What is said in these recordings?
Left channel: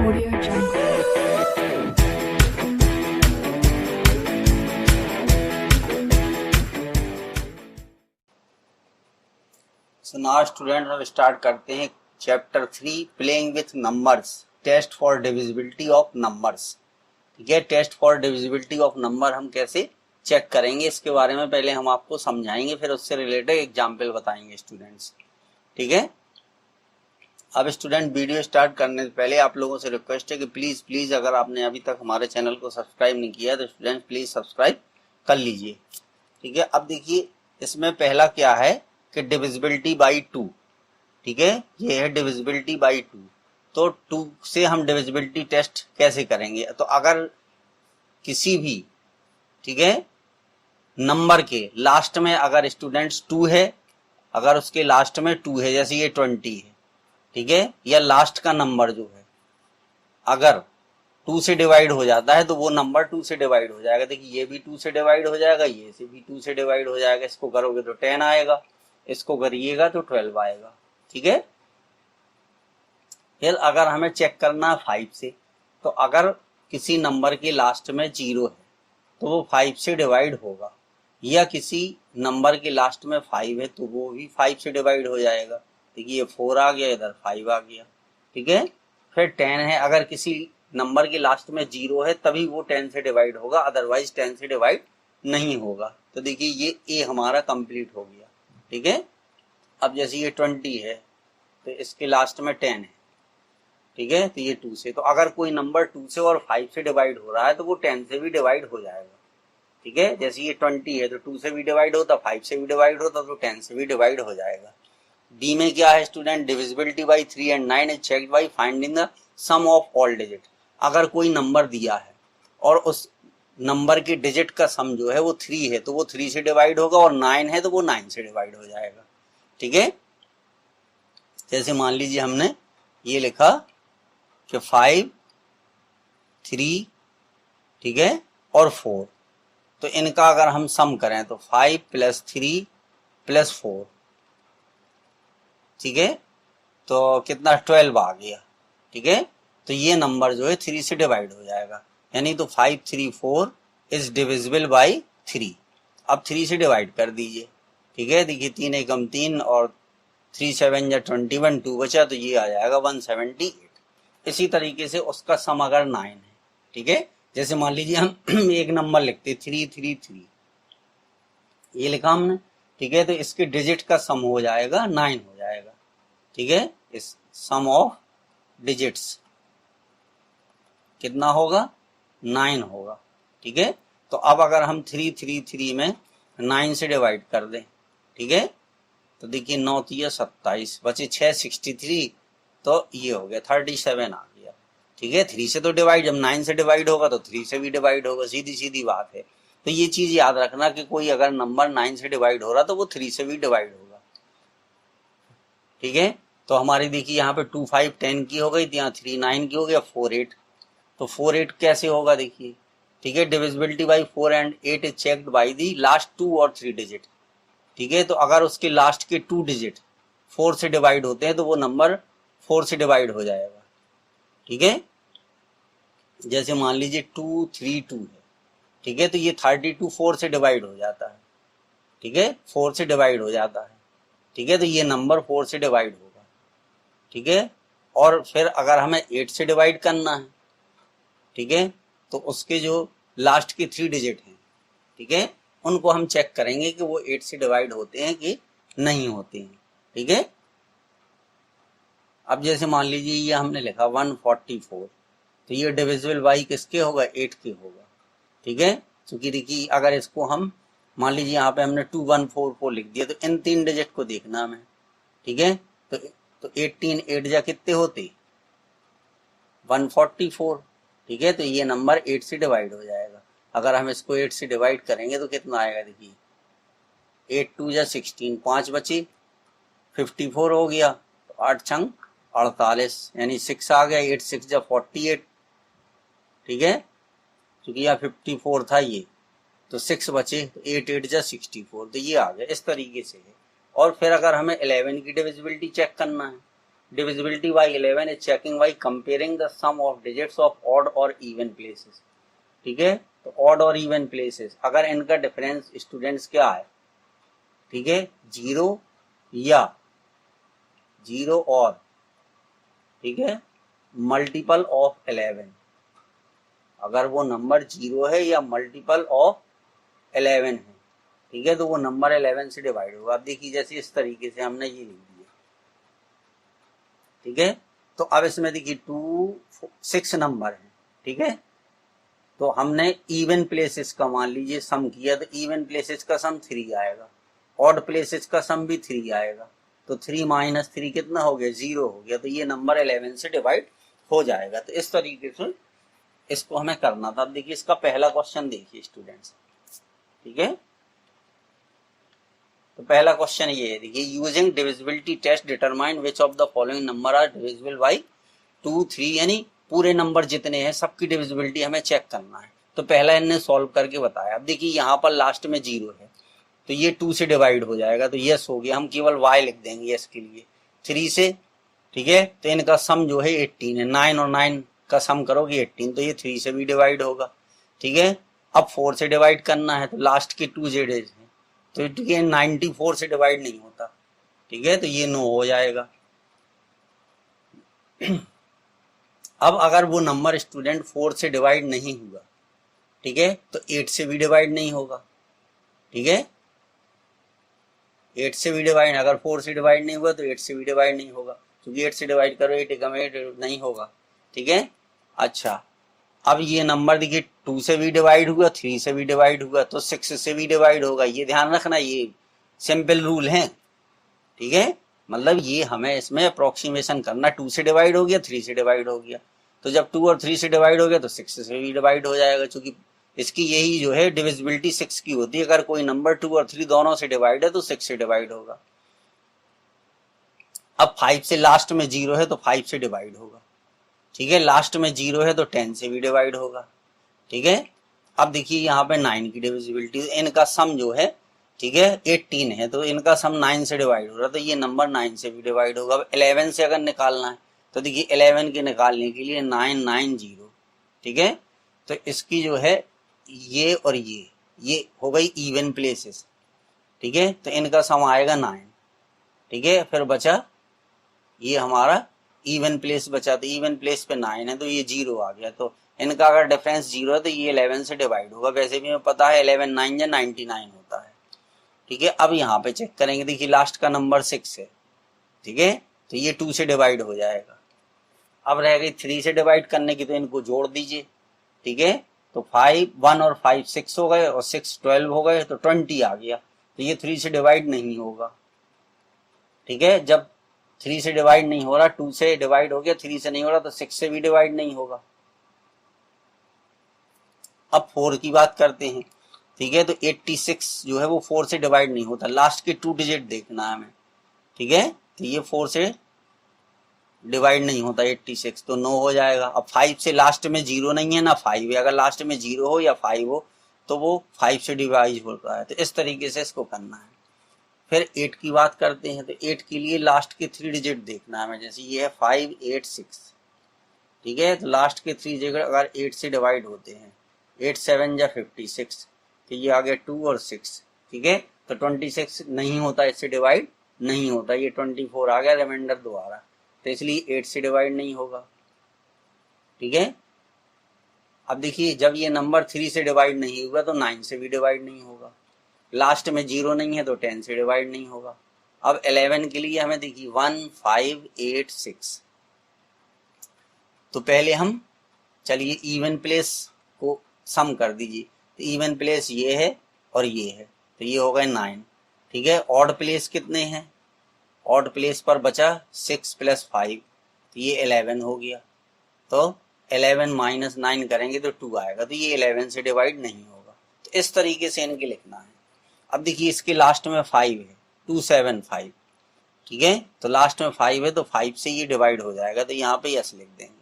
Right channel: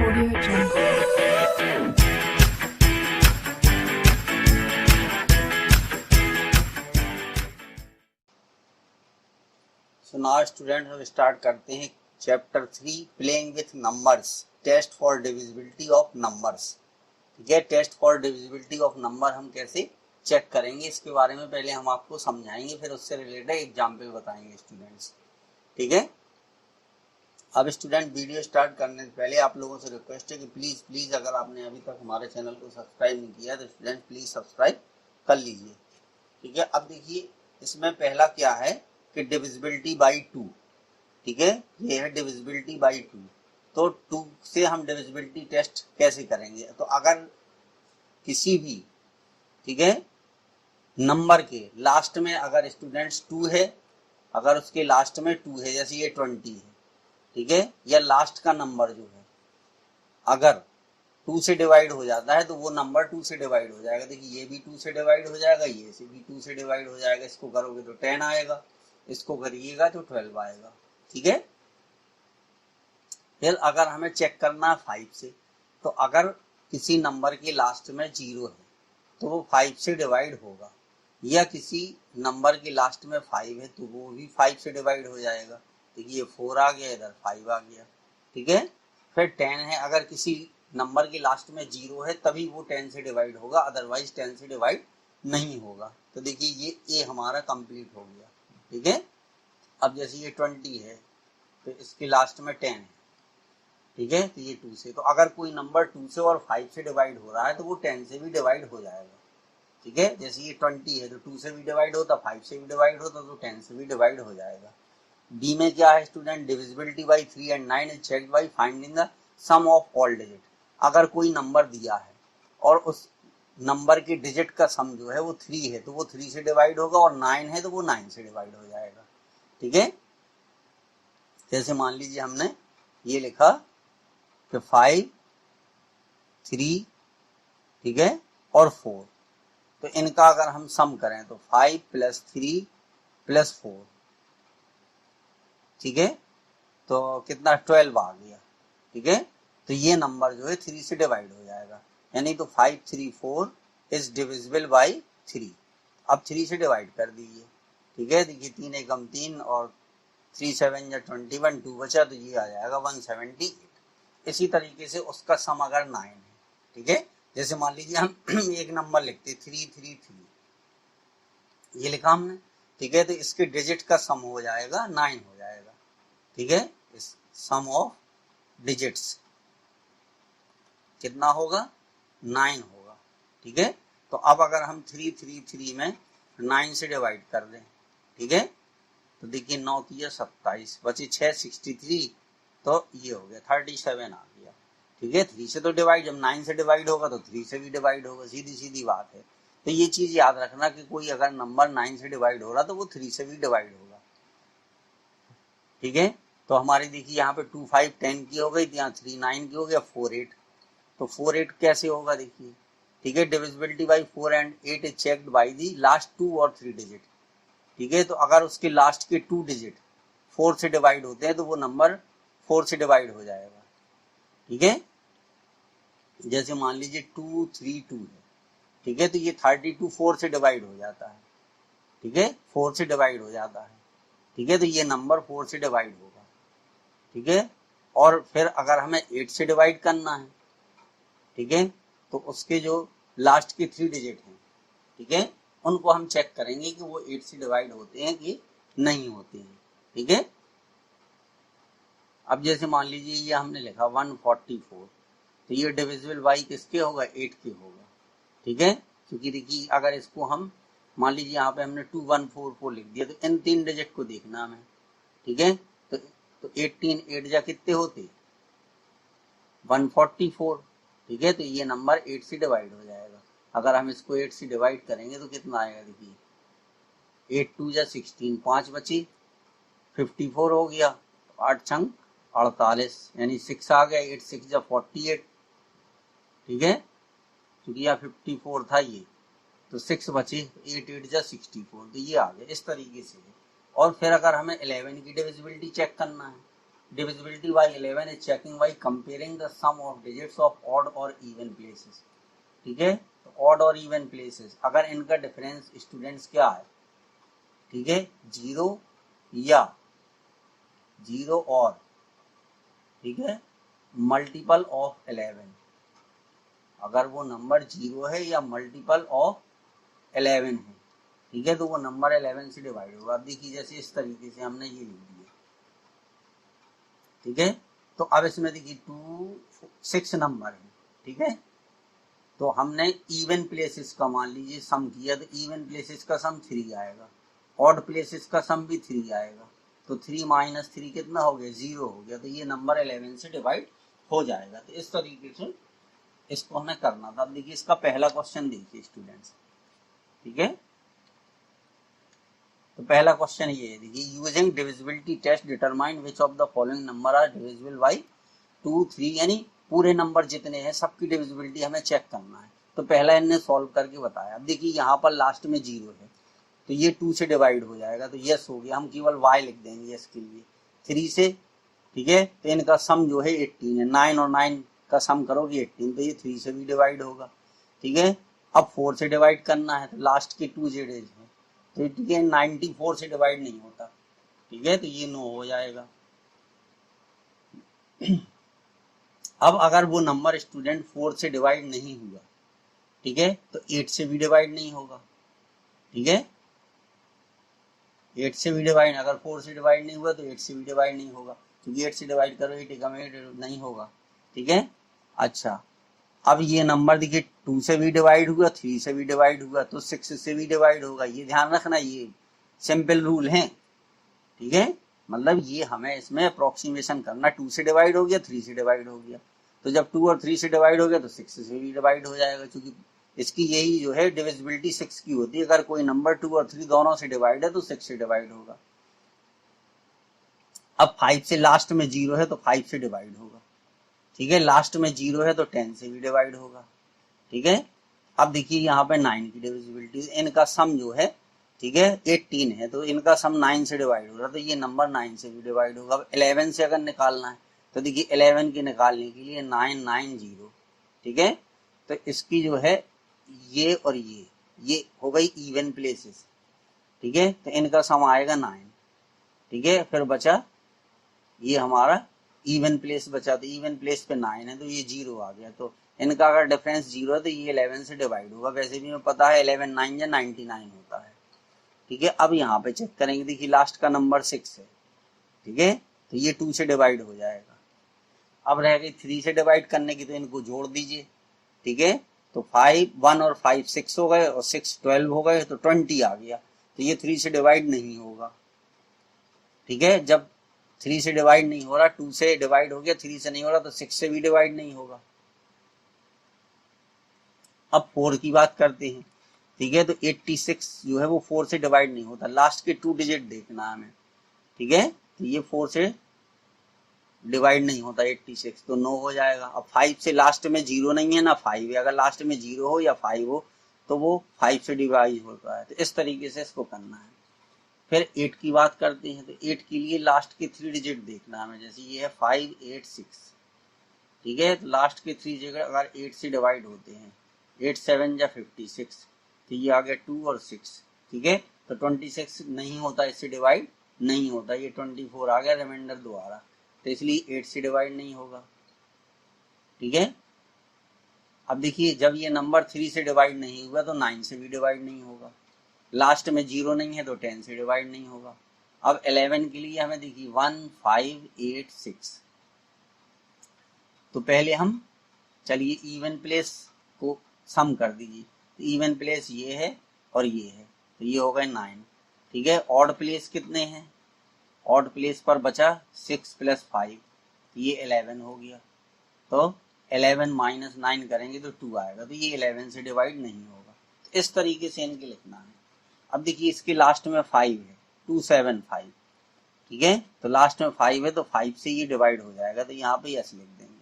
Audio Jungle. So now student हम start करते हैं chapter 3 playing with numbers, test for divisibility of numbers. ठीक है, test for divisibility of number हम कैसे चेक करेंगे इसके बारे में पहले हम आपको समझाएंगे, फिर उससे रिलेटेड एग्जाम्पल बताएंगे स्टूडेंट्स। ठीक है, अब स्टूडेंट वीडियो स्टार्ट करने से पहले आप लोगों से रिक्वेस्ट है कि प्लीज अगर आपने अभी तक हमारे चैनल को सब्सक्राइब नहीं किया तो स्टूडेंट प्लीज सब्सक्राइब कर लीजिए। ठीक है, अब देखिए इसमें पहला क्या है कि डिविजिबिलिटी बाई 2। ठीक है, ये है डिविजिबिलिटी बाई 2। तो 2 से हम डिविजिबिलिटी टेस्ट कैसे करेंगे? तो अगर किसी भी, ठीक है, नंबर के लास्ट में अगर स्टूडेंट्स 2 है, अगर उसके लास्ट में 2 है, जैसे ये 20 है, ठीक है, या लास्ट का नंबर जो है अगर 2 से डिवाइड हो जाता है तो वो नंबर 2 से डिवाइड हो जाएगा। देखिए ये भी 2 से डिवाइड हो जाएगा, ये से भी 2 से डिवाइड हो जाएगा। इसको करोगे तो 10 आएगा, इसको करिएगा तो 12 आएगा। ठीक है, फिर अगर हमें चेक करना है 5 से, तो अगर किसी नंबर के लास्ट में 0 है तो वो 5 से डिवाइड होगा, या किसी नंबर के लास्ट में 5 है तो वो भी 5 से डिवाइड हो जाएगा। देखिए ये 4 आ गया, इधर 5 आ गया। ठीक है, फिर 10 है, अगर किसी नंबर के लास्ट में 0 है तभी वो 10 से डिवाइड होगा, अदरवाइज 10 से डिवाइड नहीं होगा। तो देखिए ये ए हमारा कंप्लीट हो गया। ठीक है, अब जैसे ये 20 है तो इसके लास्ट में 10 है। ठीक है, तो ये 2 से, तो अगर कोई नंबर 2 से और 5 से डिवाइड हो रहा है तो वो 10 से भी डिवाइड हो जाएगा। ठीक है, जैसे ये 20 है तो 2 से भी डिवाइड होता, 5 से भी डिवाइड होता, तो 10 से भी डिवाइड हो जाएगा। डी में क्या है student? Divisibility by 3 and 9 is checked by finding the sum of all digit. अगर कोई नंबर दिया है और उस नंबर के डिजिट का सम जो है वो 3 है तो वो 3 से डिवाइड होगा, और 9 है तो वो 9 से डिवाइड हो जाएगा। ठीक है, जैसे मान लीजिए हमने ये लिखा कि 5, 3, ठीक है, और 4, तो इनका अगर हम सम करें तो 5 + 3 + 4, ठीक है, तो कितना 12 आ गया। ठीक है, तो ये नंबर जो है 3 से डिवाइड हो जाएगा, यानी तो 534 इज डिविजिबल बाई 3। अब 3 से डिवाइड कर दीजिए। ठीक है, देखिए 3 एकम 3 और 3 7 या 21, 2 बचा तो ये आ जाएगा 178। इसी तरीके से उसका सम अगर 9 है, ठीक है, जैसे मान लीजिए हम एक नंबर लिखते 333, ये लिखा हमने। ठीक है, तो इसके डिजिट का सम हो जाएगा 9 हो जाएगा। ठीक है, इस सम ऑफ डिजिट्स कितना होगा? 9 होगा। ठीक है, तो अब अगर हम 333 में 9 से डिवाइड कर दें, ठीक है, तो देखिए 9 3 27 बचे 6 63, तो ये हो गया 37 आ गया। ठीक है, 3 से तो डिवाइड, जब 9 से डिवाइड होगा तो 3 से भी डिवाइड होगा, सीधी सीधी बात है। तो ये चीज याद रखना कि कोई अगर नंबर 9 से डिवाइड हो रहा तो वो 3 से भी डिवाइड होगा। ठीक है, तो हमारी देखिए यहाँ पे 2 5 10 की हो गई, यहाँ 3 9 की हो गया, 4 8, तो 4 8 कैसे होगा देखिए। ठीक है, divisibility by 4 and 8 is checked by the last 2 और 3 डिजिट। ठीक है, तो अगर उसके लास्ट के 2 डिजिट 4 से डिवाइड होते हैं तो वो नंबर 4 से डिवाइड हो जाएगा। ठीक है, जैसे मान लीजिए 232 है, ठीक है, तो ये 32 4 से डिवाइड हो जाता है। ठीक है, 4 से डिवाइड हो जाता है। ठीक है, तो ये नंबर 4 से डिवाइड होगा। ठीक है, और फिर अगर हमें 8 से डिवाइड करना है, ठीक है, तो उसके जो लास्ट के 3 डिजिट हैं, ठीक है, उनको हम चेक करेंगे कि वो 8 से डिवाइड होते हैं कि नहीं होते हैं। ठीक है, अब जैसे मान लीजिए ये हमने लिखा 144, तो ये डिविजिबल बाई किसके होगा? 8 के होगा। ठीक है, क्योंकि देखिए अगर इसको हम मान लीजिए यहाँ पे हमने 2144 लिख दिया, तो इन 3 डिजिट को देखना हमें। ठीक है, तो 18 8 जा कितने होते? 144। ठीक है, तो ये नंबर 8 से डिवाइड हो जाएगा। अगर हम इसको 8 से डिवाइड करेंगे तो कितना आएगा देखिए, 8 2 जा 16, 5 बचे, 54 हो गया, 8 छंग 48, यानी 6 आ गया, 8 6 जा 48। ठीक है, क्योंकि यहाँ 54 था ये, तो 6 बचे, 8 8 जा 64, तो ये आ गया। इस तरीके से है। और फिर अगर हमें 11 की डिविजिबिलिटी चेक करना है, divisibility by 11 is checking by comparing the sum of digits of odd or even places. ठीक है, तो odd और even places अगर इनका डिफरेंस स्टूडेंट्स क्या है, ठीक है, 0 या 0 और, ठीक है, मल्टीपल ऑफ 11, अगर वो नंबर 0 है या मल्टीपल ऑफ 11 है, ठीक है, तो वो नंबर 11 से डिवाइड होगा। अब देखिए जैसे इस तरीके से हमने ये लिख दिया, ठीक है, तो अब इसमें देखिए 2 6 नंबर है, ठीक है, तो हमने इवन प्लेसेस का मान लीजिए सम किया, तो इवन प्लेसेस का सम 3 आएगा, ऑड प्लेसेस का सम भी 3 आएगा, तो 3 माइनस 3 कितना हो गया, 0 हो गया, तो ये नंबर 11 से डिवाइड हो जाएगा। तो इस तरीके से इसको हमें करना था। अब देखिए इसका पहला क्वेश्चन देखिए स्टूडेंट्स, ठीक है, तो पहला क्वेश्चन ये है, देखिए using divisibility test determine which of the following number are divisible by 2 3, यानी पूरे नंबर जितने हैं सबकी डिविजिबिलिटी हमें चेक करना है। तो पहला इन्हें सॉल्व करके बताया। अब देखिए यहाँ पर लास्ट में 0 है तो ये 2 से डिवाइड हो जाएगा, तो यस हो गया, हम केवल y लिख देंगे यस के लिए, 3 से, ठीक है, तो इनका सम जो है 18 है, 9 और 9 का सम करोगे 18, तो ये 3 से भी डिवाइड होगा, ठीक है। अब 4 से डिवाइड करना है, तो लास्ट के 2 जेड है, तो ठीक है 94 से डिवाइड नहीं होता, ठीक है, तो ये 9 हो जाएगा। अब अगर वो नंबर स्टूडेंट 4 से डिवाइड नहीं हुआ, ठीक है, तो 8 से भी डिवाइड नहीं होगा, ठीक है, 8 से भी डिवाइड, अगर 4 से डिवाइड नहीं हुआ तो 8 से भी डिवाइड नहीं होगा, क्योंकि 8 से डिवाइड करो 8 एकम 8 नहीं होगा, ठीक है। अच्छा, अब ये नंबर देखिए 2 से भी डिवाइड हुआ, 3 से भी डिवाइड हुआ, तो 6 से भी डिवाइड होगा, ये ध्यान रखना, ये सिंपल रूल है, ठीक है, मतलब ये हमें इसमें अप्रोक्सीमेशन करना, 2 से डिवाइड हो गया, 3 से डिवाइड हो गया, तो जब 2 और 3 से डिवाइड हो गया तो 6 से भी डिवाइड हो जाएगा, क्योंकि इसकी यही जो है डिविजिबिलिटी 6 की होती है, अगर कोई नंबर 2 और 3 दोनों से डिवाइड है तो 6 से डिवाइड होगा। अब 5 से लास्ट में 0 है तो 5 से डिवाइड होगा, ठीक है, लास्ट में 0 है तो 10 से भी डिवाइड होगा, ठीक है। अब देखिए यहाँ पे 9 की डिविजिबिलिटी, इनका सम जो है, ठीक है, 18 है, तो इनका सम 9 से डिवाइड हो रहा है, तो ये नंबर 9 से भी डिवाइड होगा। अब 11 से अगर निकालना है तो देखिए 11 के निकालने के लिए 990, ठीक है, तो इसकी जो है ये और ये हो गई इवन प्लेसेस, ठीक है, तो इनका सम आएगा 9, ठीक है, फिर बचा ये हमारा इवन प्लेस बचा, तो इवन प्लेस पे 9 है तो ये 0 आ गया, तो इनका अगर डिफरेंस 0 है तो ये 11 से डिवाइड होगा। वैसे भी हमें पता है 11 9 या 99 होता है, ठीक है। अब यहाँ पे चेक करेंगे, देखिए लास्ट का नंबर 6 है, ठीक है, तो ये 2 से डिवाइड हो जाएगा। अब रह गई 3 से डिवाइड करने की, तो इनको जोड़ दीजिए, ठीक है, तो 5 1 और 5 6 हो गए और 6 12 हो गए, तो 20 आ गया, तो ये 3 से डिवाइड नहीं होगा, ठीक है। जब 3 से डिवाइड नहीं हो रहा, 2 से डिवाइड हो गया, 3 से नहीं हो रहा, तो 6 से भी डिवाइड नहीं होगा। अब 4 की बात करते हैं, ठीक है, तो 86 जो है वो 4 से डिवाइड नहीं होता, लास्ट के 2 डिजिट देखना है हमें, ठीक है, तो ये 4 से डिवाइड नहीं होता 86, तो 9 हो जाएगा। अब 5 से लास्ट में 0 नहीं है ना 5 है, अगर लास्ट में 0 हो या 5 हो तो वो 5 से डिवाइड होता है, तो इस तरीके से इसको करना है। फिर 8 की बात करते हैं, तो 8 के लिए लास्ट के 3 डिजिट देखना है हमें, जैसे ये है 5 8 6, ठीक है, तो लास्ट के 3 डिजिट अगर 8 से डिवाइड होते हैं, 8 7 या 56, तो ये आ गया 2 और 6, ठीक है, तो 26 नहीं होता, इससे डिवाइड नहीं होता, ये 24 आ गया, रिमाइंडर 2 आ रहा, तो इसलिए 8 से डिवाइड नहीं होगा, ठीक है। अब देखिए जब ये नंबर 3 से डिवाइड नहीं हुआ तो 9 से भी डिवाइड नहीं होगा, लास्ट में 0 नहीं है तो 10 से डिवाइड नहीं होगा। अब 11 के लिए हमें देखिए 1 5 8 6, तो पहले हम चलिए इवन प्लेस को सम कर दीजिए, तो इवन प्लेस ये है और ये है, तो ये हो गए 9, ठीक है। ऑड प्लेस कितने हैं, ऑड प्लेस पर बचा 6 + 5, तो ये 11 हो गया, तो 11 - 9 करेंगे तो 2 आएगा, तो ये 11 से डिवाइड नहीं होगा। तो इस तरीके से इनके लिखना है। अब देखिए इसके लास्ट में 5 है, 2 7 5, ठीक है, तो लास्ट में 5 है तो 5 से ये डिवाइड हो जाएगा, तो यहाँ पे यस लिख देंगे,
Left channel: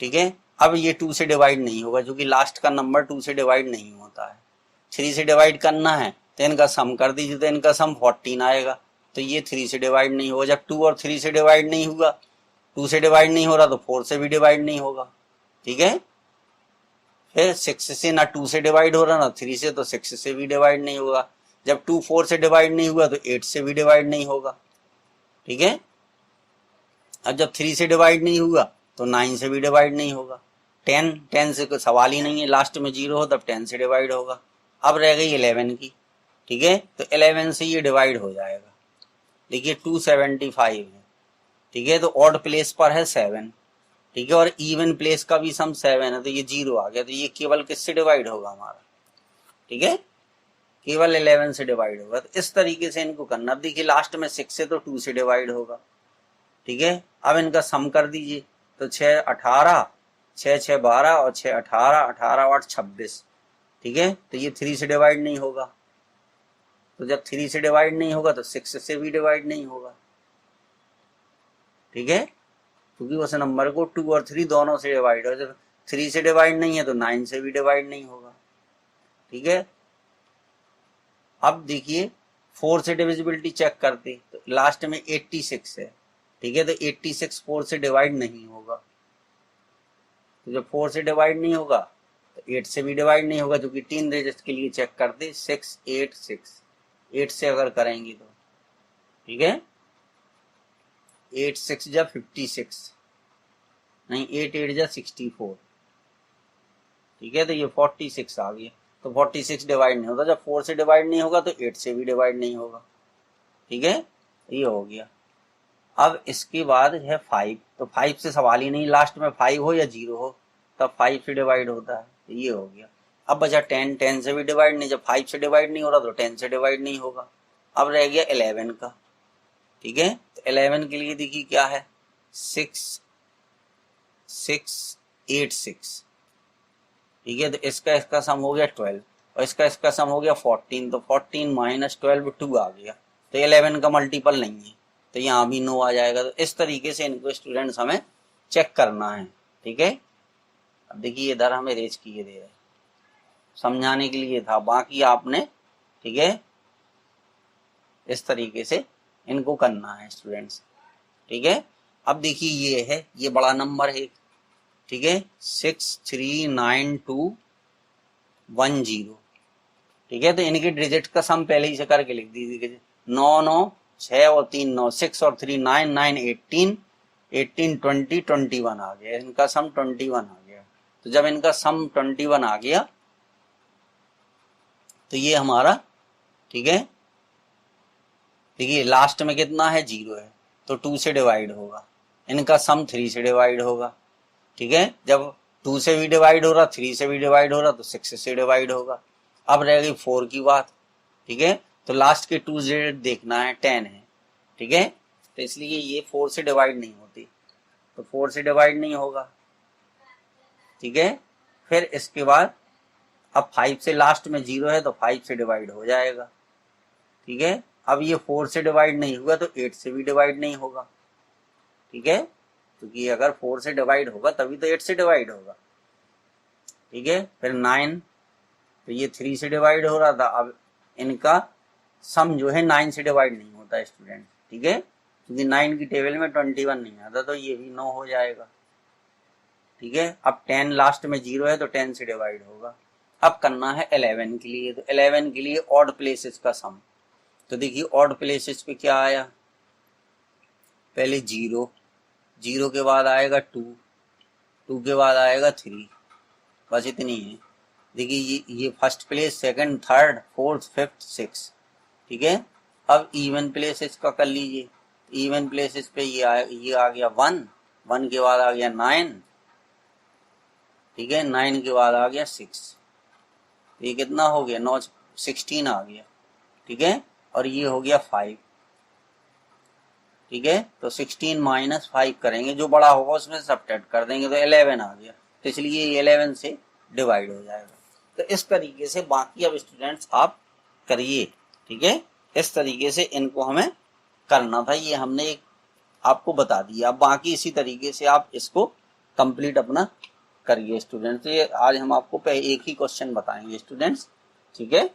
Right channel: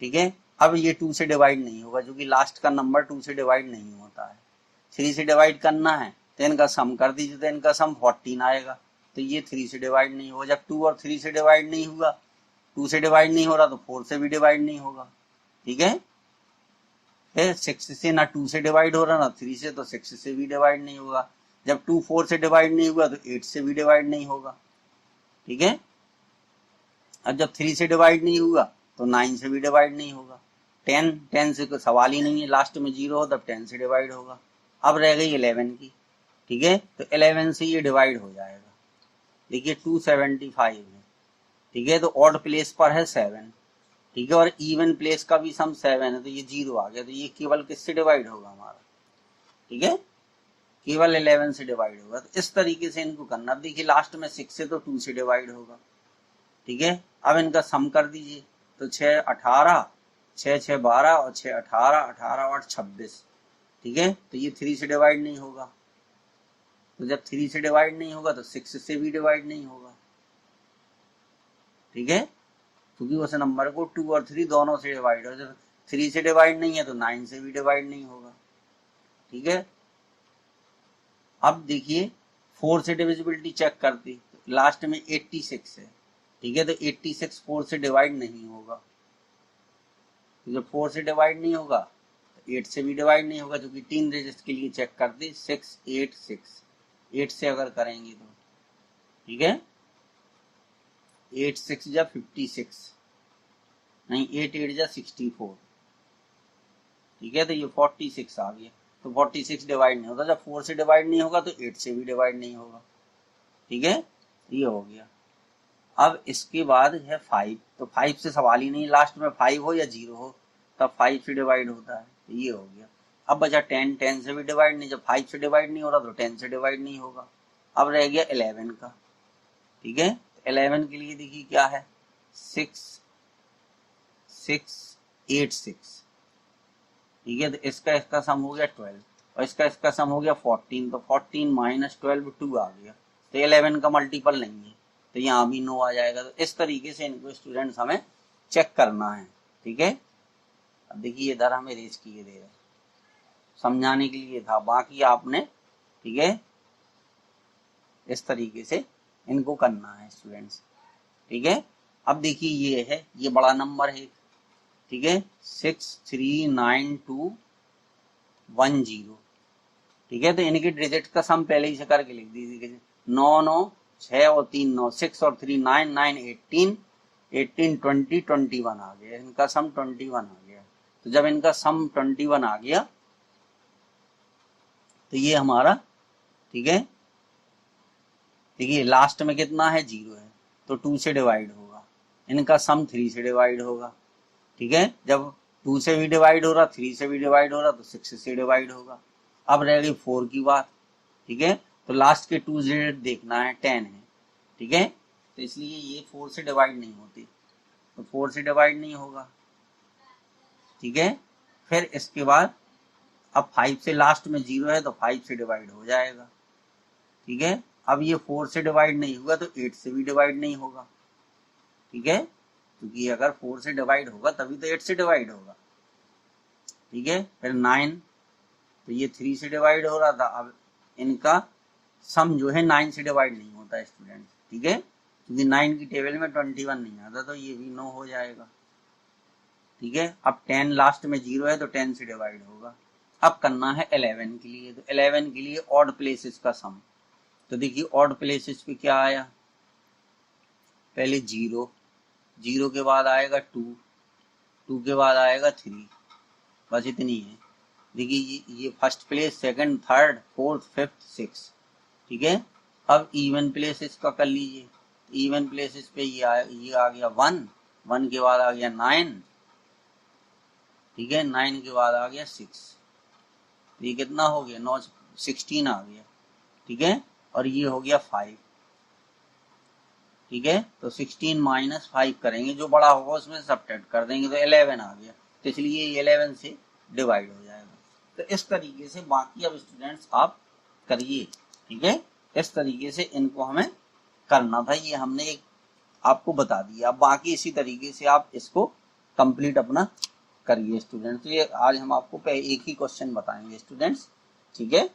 ठीक है। अब ये 2 से डिवाइड नहीं होगा क्योंकि लास्ट का नंबर 2 से डिवाइड नहीं होता है। 3 से डिवाइड करना है तो इनका सम कर दीजिए, तो इनका सम 14 आएगा, तो ये 3 से डिवाइड नहीं होगा। जब 2 और 3 से डिवाइड नहीं हुआ, 2 से डिवाइड नहीं हो रहा तो 4 से भी डिवाइड नहीं होगा। ठीक है, फिर 6 से ना 2 से डिवाइड हो रहा ना 3 से, तो 6 से भी डिवाइड नहीं होगा। जब 2 4 से डिवाइड नहीं हुआ तो 8 से भी डिवाइड नहीं होगा। ठीक है, अब जब 3 से डिवाइड नहीं हुआ तो 9 से भी डिवाइड नहीं होगा। 10 से कोई सवाल ही नहीं है, लास्ट में 0 हो तब 10 से डिवाइड होगा। अब रह गई 11 की। ठीक है, तो 11 से ये डिवाइड हो जाएगा। देखिए 275 है। ठीक है, तो ऑड प्लेस पर है 7। ठीक है, और इवन प्लेस का भी सम 7 है, तो ये 0 आ गया। तो ये केवल किससे डिवाइड होगा हमारा? ठीक है, केवल 11 से डिवाइड होगा। तो इस तरीके से इनको करना। अब देखिए लास्ट में 6 से तो 2 से डिवाइड होगा। ठीक है, अब इनका सम कर दीजिए। तो 6 18, 6 6 12 और 6 18, 18 और 26। ठीक है, तो ये 3 से डिवाइड नहीं होगा। तो जब 3 से डिवाइड नहीं होगा तो 6 से भी डिवाइड नहीं होगा। ठीक है, क्योंकि उस नंबर को 2 और 3 दोनों से डिवाइड हो। जब 3 से डिवाइड नहीं है तो 9 से भी डिवाइड नहीं होगा। ठीक है, अब देखिए 4 से डिविजिबिलिटी चेक करते तो लास्ट में 86 है। ठीक है, तो 86 4 से डिवाइड नहीं होगा। तो जब 4 से डिवाइड नहीं होगा तो 8 से भी डिवाइड नहीं होगा, क्योंकि 3 डिजिट के लिए चेक करते 6 8 6। 8 से अगर करेंगे तो ठीक है, 8 6 जा 56, नहीं 8 8 जा 64। ठीक है, तो ये 46 आ गया। तो 46 डिवाइड नहीं होता। जब 4 से डिवाइड नहीं होगा तो 8 से भी डिवाइड नहीं होगा। ठीक है, ये हो गया। अब इसके बाद है 5। तो 5 से सवाल ही नहीं, लास्ट में 5 हो या 0 हो तब 5 से डिवाइड होता है। तो ये हो गया। अब बचा 10। 10 से भी डिवाइड नहीं, जब 5 से डिवाइड नहीं हो रहा तो 10 से डिवाइड नहीं होगा। अब रह गया 11 का। ठीक है, तो 11 के लिए देखिए क्या है, 6 6 8 6। ठीक है, तो इसका सम हो गया 12 और इसका सम हो गया 14। तो 14 माइनस 12 2 आ गया। तो 11 का मल्टीपल नहीं है, तो यहाँ भी नो आ जाएगा। तो इस तरीके से इनको स्टूडेंट्स हमें चेक करना है। ठीक है, अब देखिए इधर हमें रेज किए दे रहे, समझाने के लिए था, बाकी आपने ठीक है इस तरीके से इनको करना है स्टूडेंट्स। ठीक है, अब देखिए ये है, ये बड़ा नंबर है। ठीक है, 63921 ठीक है, तो इनके डिजिट का सम पहले ही से करके लिख दीजिए। 9 9 6 और 3 9, 6 और 3 9 9 18 18 20 21 आ गया। इनका सम 21 आ गया। तो जब इनका सम 21 आ गया तो ये हमारा ठीक है, देखिए लास्ट में कितना है 0 है, तो 2 से डिवाइड होगा। इनका सम 3 से डिवाइड होगा। ठीक है, जब 2 से भी डिवाइड हो रहा 3 से भी डिवाइड हो रहा तो 6 से डिवाइड होगा। अब रह गई 4 की बात। ठीक है, तो लास्ट के 2 डिजिट देखना है, 10 है। ठीक है, तो इसलिए ये 4 से डिवाइड नहीं होती, तो 4 से डिवाइड नहीं होगा। ठीक है, फिर इसके बाद अब 5 से लास्ट में 0 है तो 5 से डिवाइड हो जाएगा। ठीक है, अब ये 4 से डिवाइड नहीं हुआ तो 8 से भी डिवाइड नहीं होगा। ठीक है, क्योंकि अगर 4 से डिवाइड होगा तभी तो 8 से डिवाइड होगा। ठीक है, फिर 9, तो ये 3 से डिवाइड हो रहा था। अब इनका सम जो है 9 से डिवाइड नहीं होता स्टूडेंट। ठीक है, क्योंकि 9 की टेबल में 21 नहीं आता, तो ये भी 9 हो जाएगा। ठीक है, अब 10 लास्ट में 0 है तो 10 से डिवाइड होगा। अब करना है 11 के लिए। तो 11 के लिए ऑड प्लेसेस का सम। तो देखिए ऑड प्लेसेस पे क्या आया, पहले 0, 0 के बाद आएगा 2, 2 के बाद आएगा 3, बस इतनी है। देखिए ये first place, second, third, fourth, fifth, six. ठीक है, अब इवन प्लेसेस का कर लीजिए। इवन प्लेसेस पे ये आ गया 1, 1 के बाद आ गया 9। ठीक है, 9 के बाद आ गया 6। ये कितना हो गया, 9 16 आ गया। ठीक है, और ये हो गया 5। ठीक है, तो 16 माइनस 5 करेंगे, जो बड़ा होगा उसमें सब्ट्रैक्ट कर देंगे, तो 11 आ गया। तो इसलिए ये 11 से डिवाइड हो जाएगा। तो इस तरीके से बाकी अब स्टूडेंट्स आप करिए। ठीक है, इस तरीके से इनको हमें करना था, ये हमने एक आपको बता दिया। अब बाकी इसी तरीके से आप इसको कंप्लीट अपना करिए स्टूडेंट्स। तो ये आज हम आपको एक ही क्वेश्चन बताएंगे स्टूडेंट्स। ठीक है,